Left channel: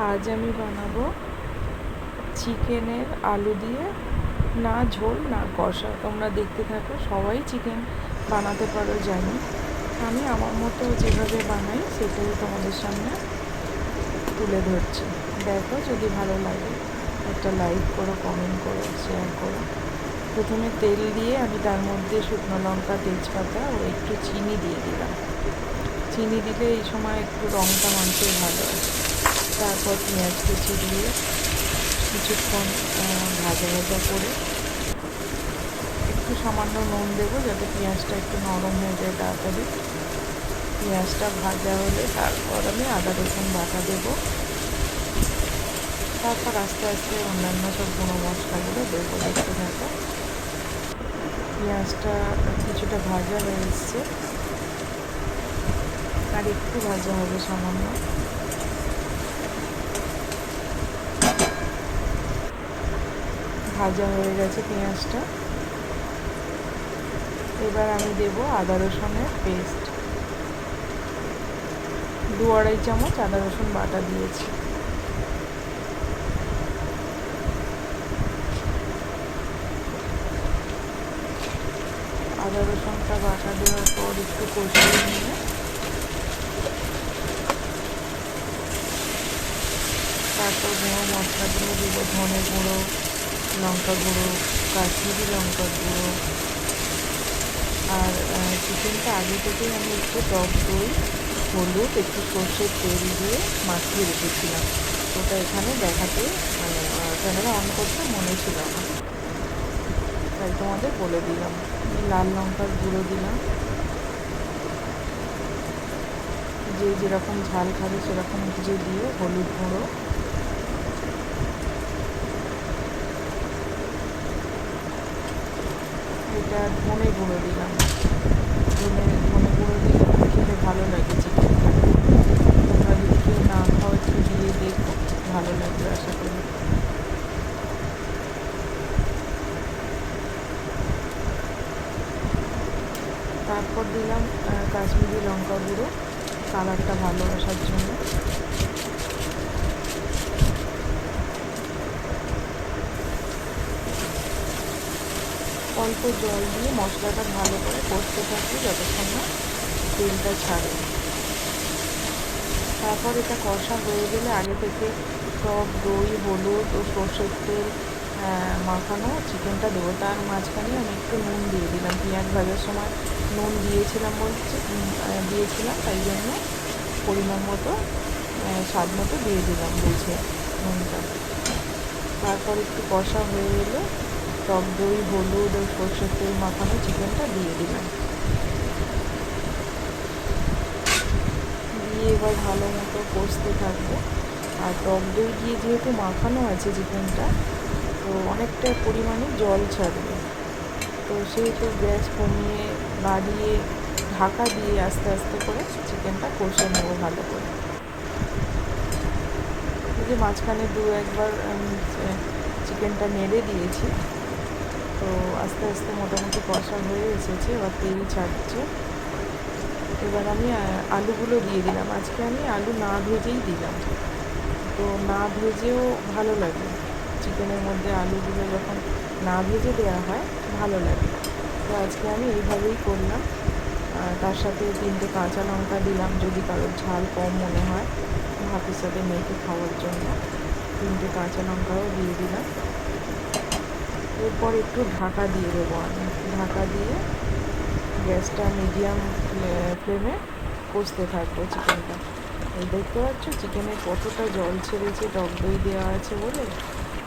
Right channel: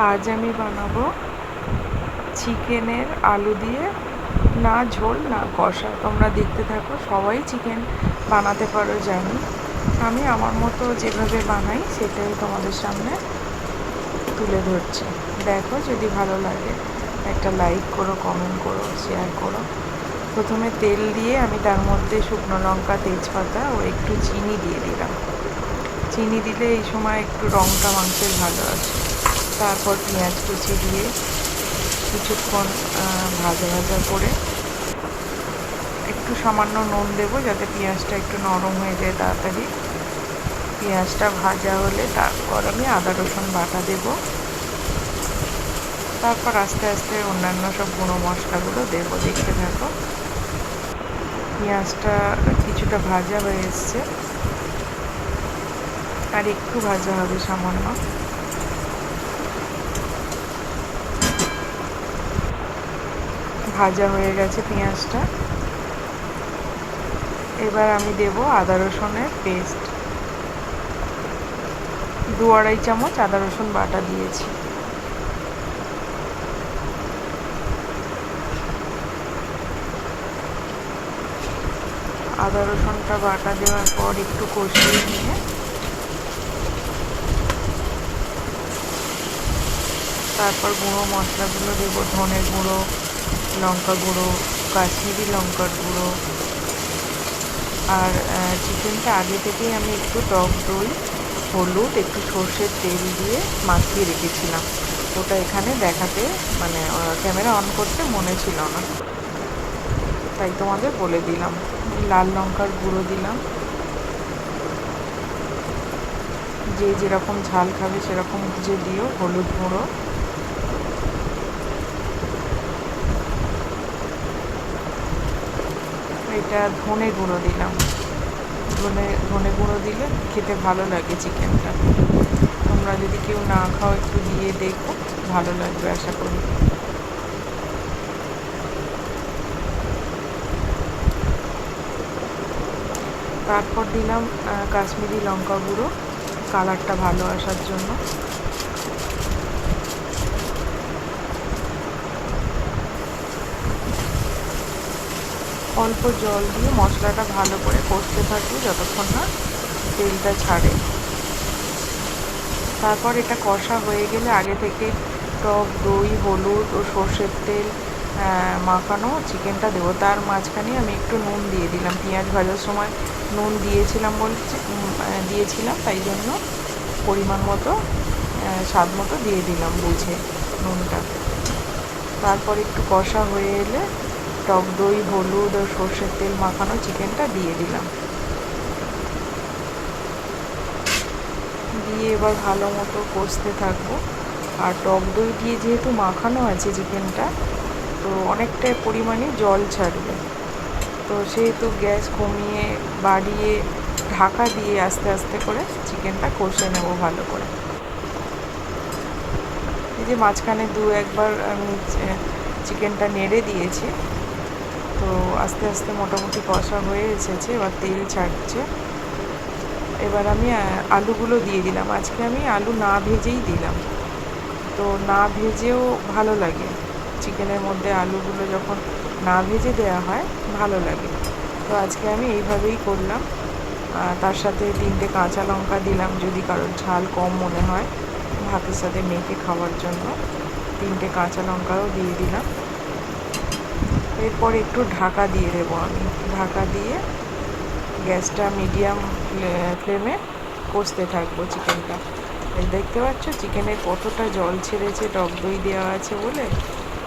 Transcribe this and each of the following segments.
আজ আমি বানাবো চিকেনের আলু দিয়ে, না ঝোল না কষা। তোমরা দেখতে থাকো। সবাই চিকেন বানাতে পারো জানি, আমি আমার মতো যেভাবে বানাই সেটাই তোমাদের সামনে তুলে ধরছি। দেখো, যদি ভালো লাগে একটা লাইক করো, কমেন্ট করো, শেয়ার করো। প্রথমে তেল দিয়ে আমি তার মধ্যে শুকনো লঙ্কা, তেজপাতা ও একটু চিনি দিয়ে দিলাম। চিনি দিলে এই সময় একটু রঙটা মাংসের ভালো আসে। তারপর পেঁয়াজ কুচি দিয়ে কিছুক্ষণ ভাজা ভাজা করে একটু সামান্য নুন দেবো যাতে পেঁয়াজটা একটু নরম হয়ে যায় তাড়াতাড়ি। পেঁয়াজটা ভাজা হলে তারপর আমি আদা রসুন বাটা দেব। তারপর আস্তে আস্তে অন্যান্য সব গুঁড়ো মশলাগুলো দেবো। দেখতে থাকো। পেঁয়াজটা কিছুটা ভাজা হয়ে এসছে, আর একটু ভাজা হবে সামান্য। ভাজা হয়ে গেছে পেঁয়াজটা। এবার আমি দেব আদা রসুনের পেস্ট। 2-2.5 চামচ আদা রসুন বাটা দিয়েছি। আদা রসুনটা বাটা দেওয়ার পর একটু কষিয়ে নিয়ে তারপর গুঁড়ো মশলাগুলো দেবো। ধনে গুঁড়ো, লঙ্কা গুঁড়ো, কাশ্মীরি লঙ্কার গুঁড়ো। আর চিকেনটা আগে থেকেই আমি একটু টক দই, হলুদ, একটু সর্ষের তেল দিয়ে মাখিয়ে রেখেছিলাম। ওটা এখানে দেখাতে মানে ক্যামেরা অন করতে মনে ছিল না, তাই তোমাদের বলে দিলাম। লাল লঙ্কার গুঁড়ো দিলাম, যে যেরকম ঝাল খাবে সেরকম বুঝে দিও। হলুদ গুঁড়ো, এটা ধনে গুঁড়ো দিলাম। ধনে গুঁড়ো দিলে খেতে ভালো লাগে চিকেনটা। তোমরা যদি কেউ না খাও একটু দিয়ে দেখো, ভালো লাগবে আশা করি। তারপর দিলাম কাশ্মীরি লঙ্কা গুঁড়ো, কালারটা ভালো আসার জন্য। অল্প জল দিয়ে মশলাটা ভালো করে কষতে থাকবে যতক্ষণ না তেলটা ছাড়ে। তারপর এটা কষা হয়ে গেলে আগে থেকে টক দই, হলুদ ও সর্ষের তেল মাখানো চিকেনটা দেবো। তার মাঝখানে আমি একটু নুন দিয়ে দিলাম। পেঁয়াজ ভাজার সময় নুন দিয়েছিলাম, তাই জন্য পরিমাণ মতো স্বাদ মতো দিয়ে দিলাম বুঝে নুনটা। তারপর একটু কষা হয়ে এলে টক দই, হলুদ ও সর্ষের তেল মাখানো চিকেনটা দিয়ে দিলাম। দিয়ে এবার ভালো মতো কষতে থাকবো। আর টক দই দিয়ে যেহেতু মাখানো আছে চিকেনটা, তো অনেকটাই পরিমাণে জল ছাড়বে। তো সেহেতু গ্যাস কমিয়ে বাড়িয়ে ঢাকা দিয়ে আস্তে আস্তে করে চিকেনটা কষে নেব ভালো করে। এই যে মাঝখানে 2-1 বার আমি চিকেনটা নেড়ে দিয়েছি, তো আস্তে আস্তে মোটামুটি কষা হয়ে এসেছে। এবার তেল ছাড়ছে। এবার আমি আলুগুলো দিয়ে দিলাম। আজকে আমি আলু না ভেজেই দিলাম, তো না ভেজেও ভালো লাগে। চিকেনের মধ্যে আলুগুলো যখন না ভেজে দেওয়া হয় ভালো লাগে, তো আজকে আমি এইভাবেই করলাম। তার সাথে 3টে কাঁচা লঙ্কা দিলাম, যদি কারোর ঝাল কম মনে হয় ভাতের সাথে মেখে খাওয়ার জন্য 3টে কাঁচা লঙ্কাও দিয়ে দিলাম। এরপর একটু ঢাকা দিয়ে দেবো আমি। ঢাকা দিয়ে গ্যাসটা মিডিয়াম ফ্লেমে কষতে থাকবো চিকেনটা। দেখতে পাচ্ছ চিকেনে কতটা জল ছেড়েছে, টক দই দেওয়া আছে বলে।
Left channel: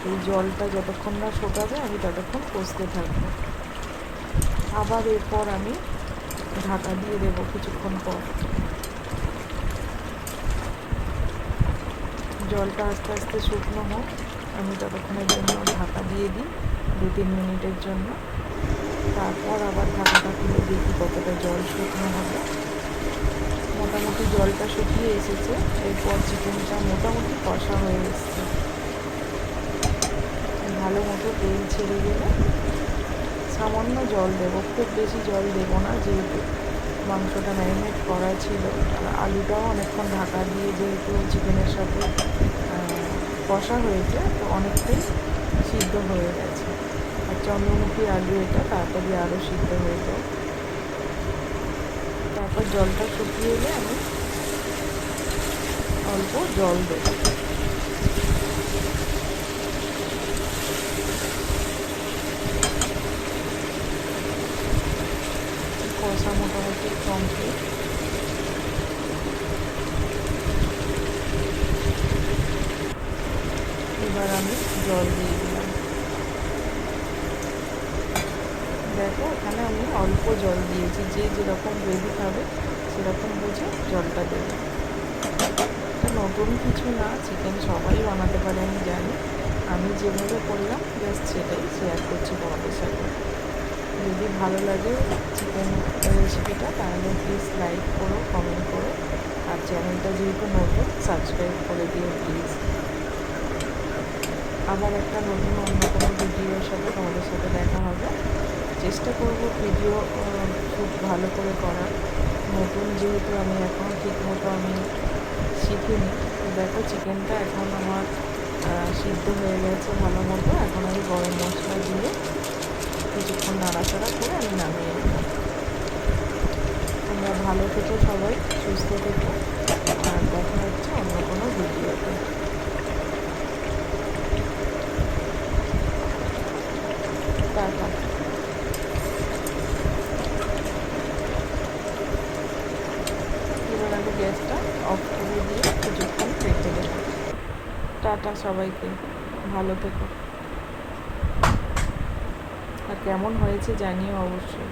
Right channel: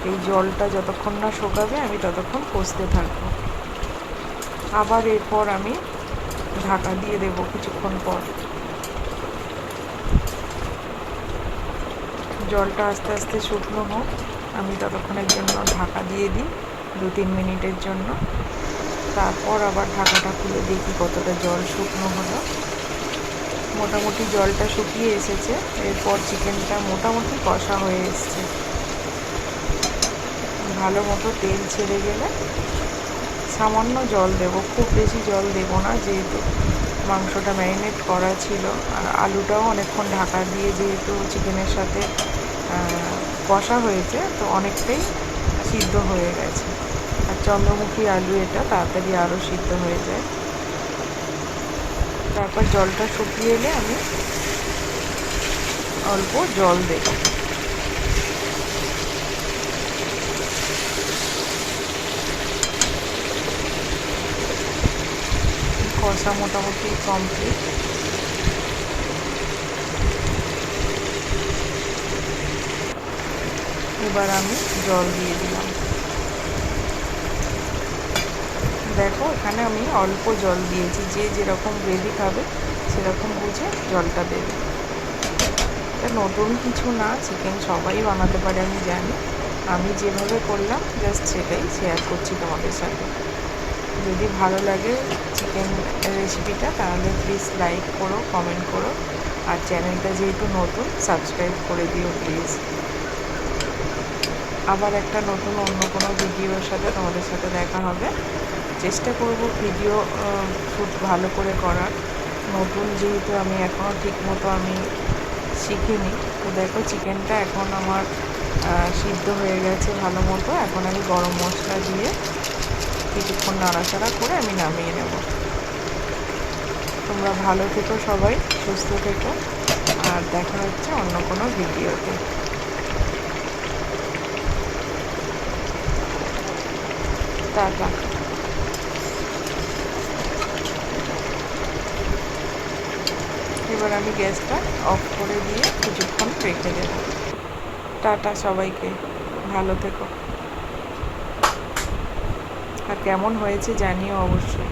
এই জলটা যতক্ষণ না শুকাবে আমি ততক্ষণ কষতে থাকবো। আবার এরপর আমি ঢাকা দিয়ে দেবো কিছুক্ষণ পর। জলটা আস্তে আস্তে শুকনো হোক, আমি ততক্ষণের জন্য ঢাকা দিয়ে দিই 2-3 মিনিটের জন্য। তারপর আবার ঢাকাটা খুলে দেখি কতটা জল শুকনো হলো। মোটামুটি জলটা শুকিয়ে এসেছে। এরপর চিকেনটা মোটামুটি কষা হয়ে এসছে। ভালো মতো তেল ছেড়ে গেলে সামান্য জল দেব, খুব বেশি জল দেব না, যেহেতু মাংসটা ম্যারিনেট করা ছিল, আর আলুটাও অনেকক্ষণ ঢাকা দিয়ে যেহেতু চিকেনের সাথে কষা হয়েছে তো অনেকটাই সিদ্ধ হয়ে গেছে। আর চন্দ্রমুখী আলু এটা তাড়াতাড়ি আরও সিদ্ধ হয়ে যায়। তারপর জলটা শুকিয়ে এলে আমি অল্প জল দেব। কষা মোটামুটি কমপ্লিট। এবার আমি জল দিয়ে দিলাম। দেখো এখানে আমি অল্প জল দিয়েছি, যে যেরকম গ্রেভি খাবে সেরকম বুঝে জলটা দেবে। এটা নতুন কিছু না, চিকেন সবাই বানাতে পারে আমি জানি। আমি যেভাবে করলাম জাস্ট সেটাই শেয়ার করছি তোমাদের সাথে। যদি ভালো লাগে চিকেন রেসিপিটা তাহলে প্লিজ লাইক করো, কমেন্ট করো, আর চ্যানেলটা যেহেতু নতুন সাবস্ক্রাইব করে দিও প্লিজ। আবার একটা নতুন অন্য কোনো ভিডিওর সাথে তোমাদের সাথে দেখা হবে। চেষ্টা করব ভিডিও খুব ভালো করে করার। নতুন যেহেতু আমি এখনও ঠিকমতো আমি শিখিনি। তো দেখো চিকেনটা এখন আমার সিদ্ধ হয়ে গেছে ভালো মতো। এখন আমি গরম মশলা দিয়ে কিছুক্ষণ নাড়াচাড়া করে আমি নামিয়ে নেব। তোমরা ভালো থেকো, সবাই সুস্থ থেকো, আর দেখা হচ্ছে অন্য কোনো ভিডিওতে। টাটা। এবার আমি গ্যাসটা অফ করে দিয়ে কিছুক্ষণ রেখে দেব। টাটা সবাইকে, ভালো থেকো, আর কেমন হয়েছে জানিও অবশ্যই।